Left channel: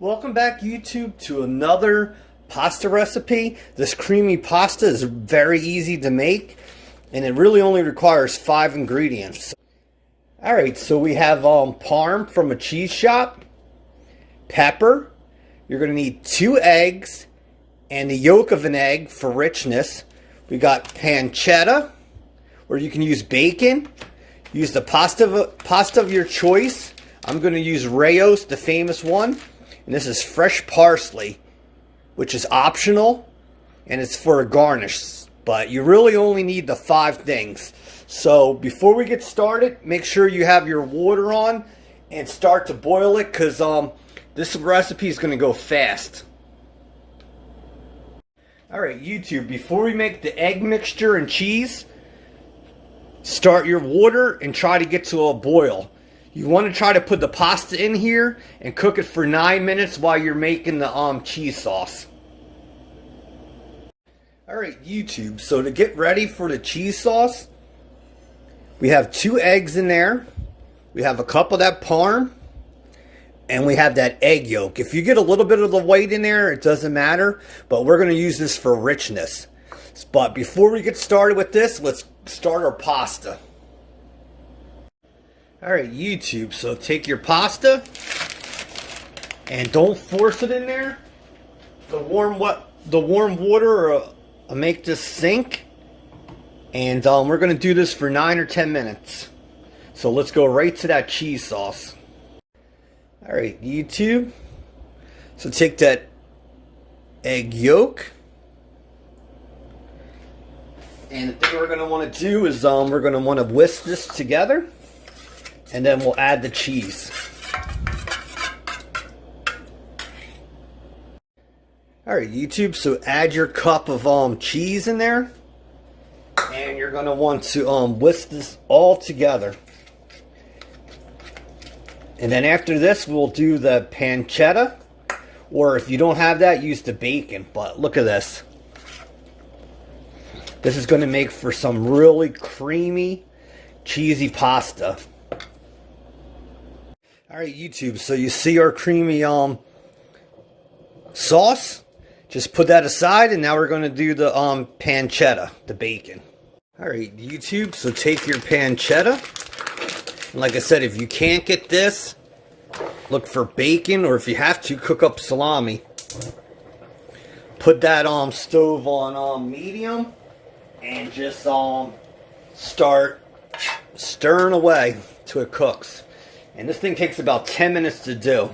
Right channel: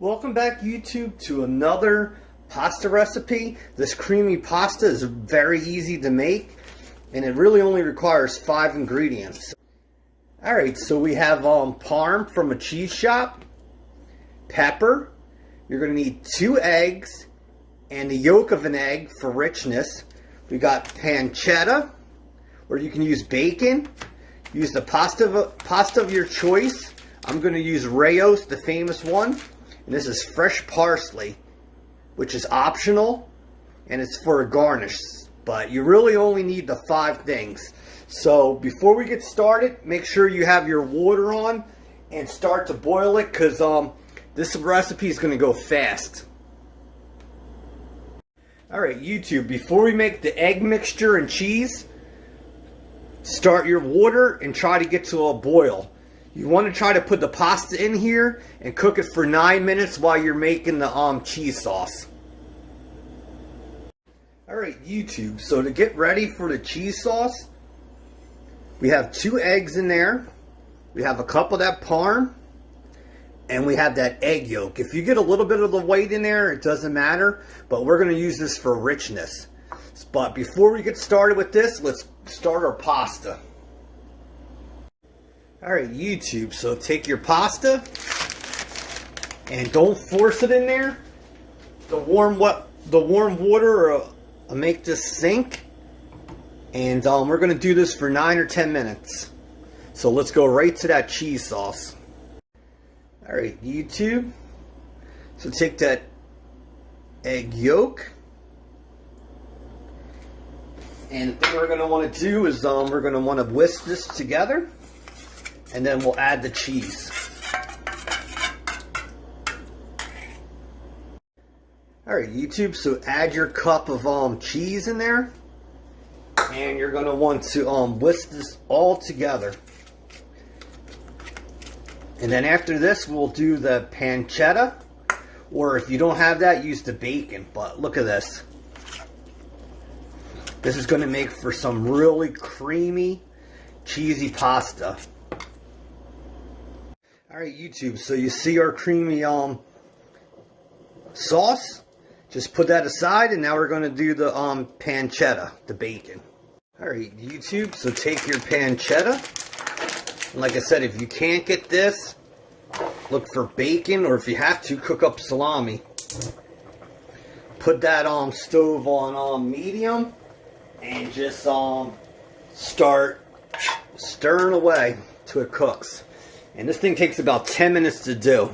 Welcome back, YouTube, to another pasta recipe. This creamy pasta is very easy to make, and it really only requires 5 ingredients. Alright, so we have parm from a cheese shop, pepper, you're going to need 2 eggs, and the yolk of an egg for richness. We got pancetta, or you can use bacon. Use the pasta of your choice. I'm going to use Rayo's, the famous one. And this is fresh parsley, which is optional, and it's for a garnish. But you really only need the 5 things. So before we get started, make sure you have your water on and start to boil it, because this recipe is going to go fast. Alright, YouTube, before we make the egg mixture and cheese, start your water and try to get to a boil. You want to try to put the pasta in here and cook it for 9 minutes while you're making the cheese sauce. Alright, YouTube, so to get ready for the cheese sauce, we have 2 eggs in there, we have a cup of that parm, and we have that egg yolk. If you get a little bit of the white in there, it doesn't matter, but we're going to use this for richness. But before we get started with this, let's start our pasta. Alright, YouTube, so take your pasta and don't force it in there. The warm water will make this sink, and we're going to do this for 9 or 10 minutes. So let's go right to that cheese sauce. Alright, YouTube, so take that egg yolk, and the thing we're going to want to do is we're going to want to whisk this together, and then we'll add the cheese. Alright, YouTube, so add your cup of cheese in there, and you're going to want to whisk this all together. And then after this, we'll do the pancetta, or if you don't have that, use the bacon. But look at this. This is going to make for some really creamy, cheesy pasta. Alright, YouTube, so you see our creamy sauce. Just put that aside, and now we're going to do the pancetta, the bacon. Alright, YouTube, so take your pancetta. And like I said, if you can't get this, look for bacon, or if you have to, cook up salami. Put that stove on medium, and just start stirring away till it cooks. And this thing takes about 10 minutes to do.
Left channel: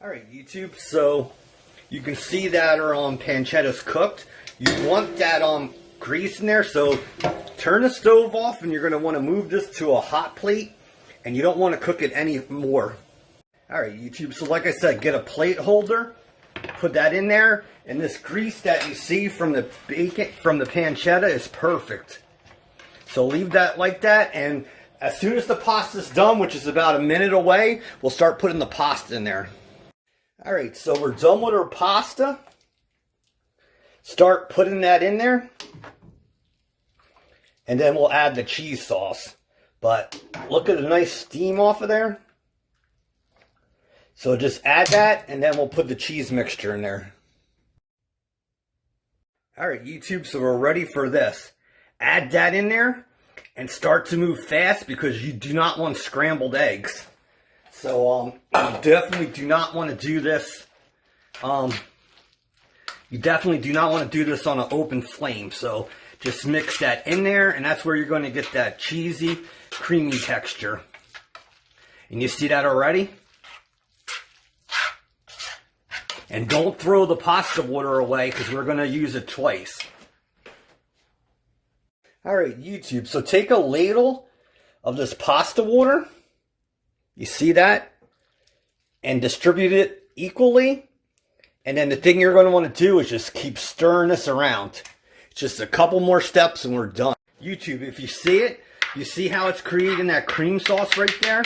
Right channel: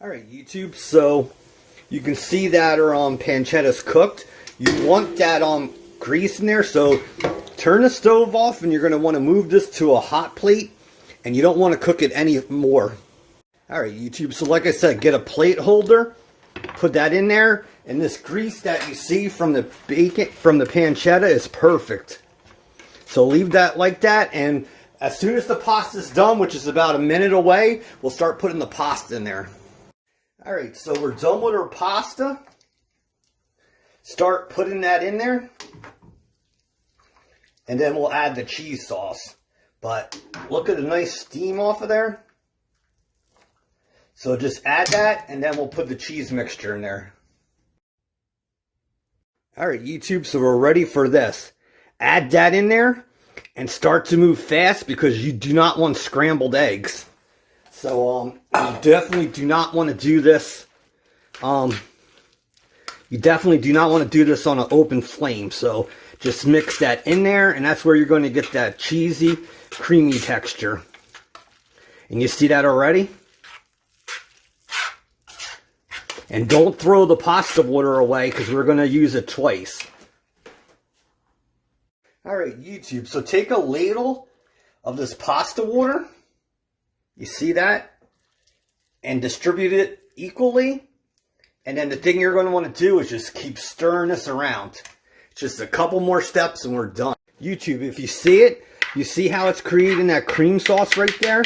Alright, YouTube, so you can see that our pancetta's cooked. You want that grease in there, so turn the stove off, and you're going to want to move this to a hot plate, and you don't want to cook it any more. Alright, YouTube, so like I said, get a plate holder, put that in there, and this grease that you see from the bacon, from the pancetta, is perfect. So leave that like that, and as soon as the pasta's done, which is about a minute away, we'll start putting the pasta in there. Alright, so we're done with our pasta. Start putting that in there, and then we'll add the cheese sauce. But look at the nice steam off of there. So just add that, and then we'll put the cheese mixture in there. Alright, YouTube, so we're ready for this. Add that in there, and start to move fast, because you do not want scrambled eggs. So, you definitely do not want to do this. You definitely do not want to do this on an open flame. So, just mix that in there, and that's where you're going to get that cheesy, creamy texture. And you see that already? And don't throw the pasta water away, because we're going to use it twice. Alright, YouTube, so take a ladle of this pasta water. You see that? And distribute it equally. And then the thing you're going to want to do is just keep stirring this around. It's just a couple more steps and we're done. YouTube, if you see it, you see how it's creating that cream sauce right there?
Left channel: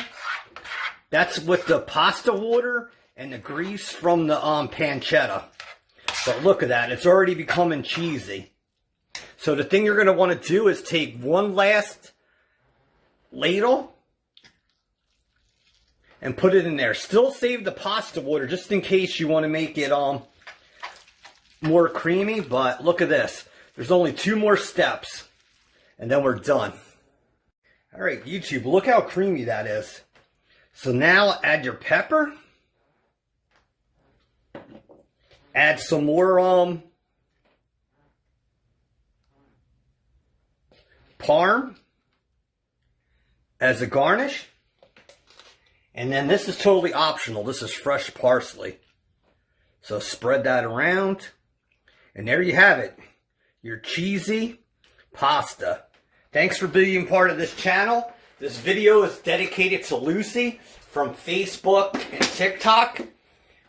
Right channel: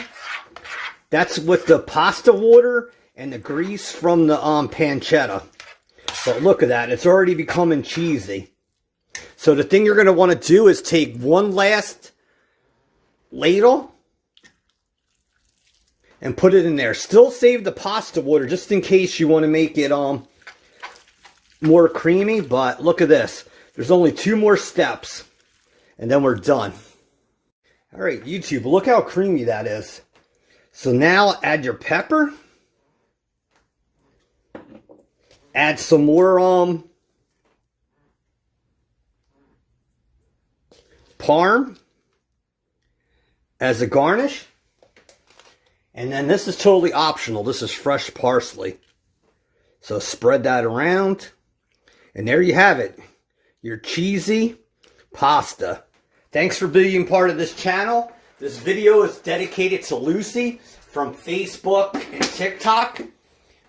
That's with the pasta water and the grease from the pancetta. But look at that, it's already becoming cheesy. So the thing you're going to want to do is take one last ladle and put it in there. Still save the pasta water just in case you want to make it more creamy. But look at this. There's only 2 more steps and then we're done. Alright, YouTube, look how creamy that is. So now add your pepper. Add some more parm as a garnish. And then this is totally optional. This is fresh parsley. So spread that around. And there you have it. Your cheesy pasta. Thanks for being part of this channel. This video is dedicated to Lucy from Facebook and TikTok.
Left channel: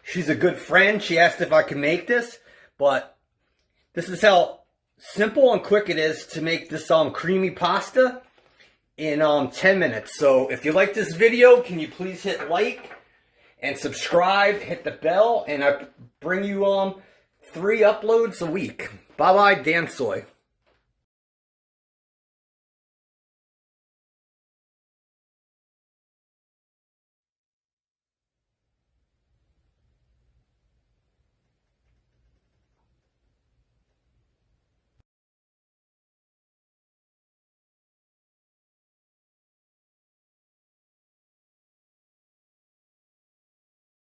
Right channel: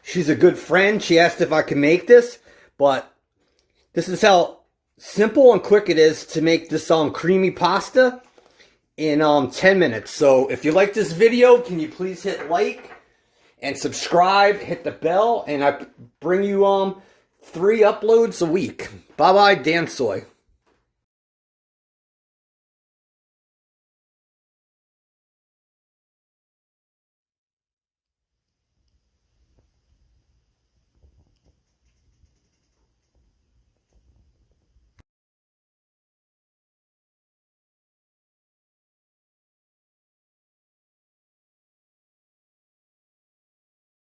She's a good friend. She asked if I could make this. But this is how simple and quick it is to make this creamy pasta in 10 minutes. So if you like this video, can you please hit like and subscribe, hit the bell, and I bring you 3 uploads a week. Bye bye, Dan Soy.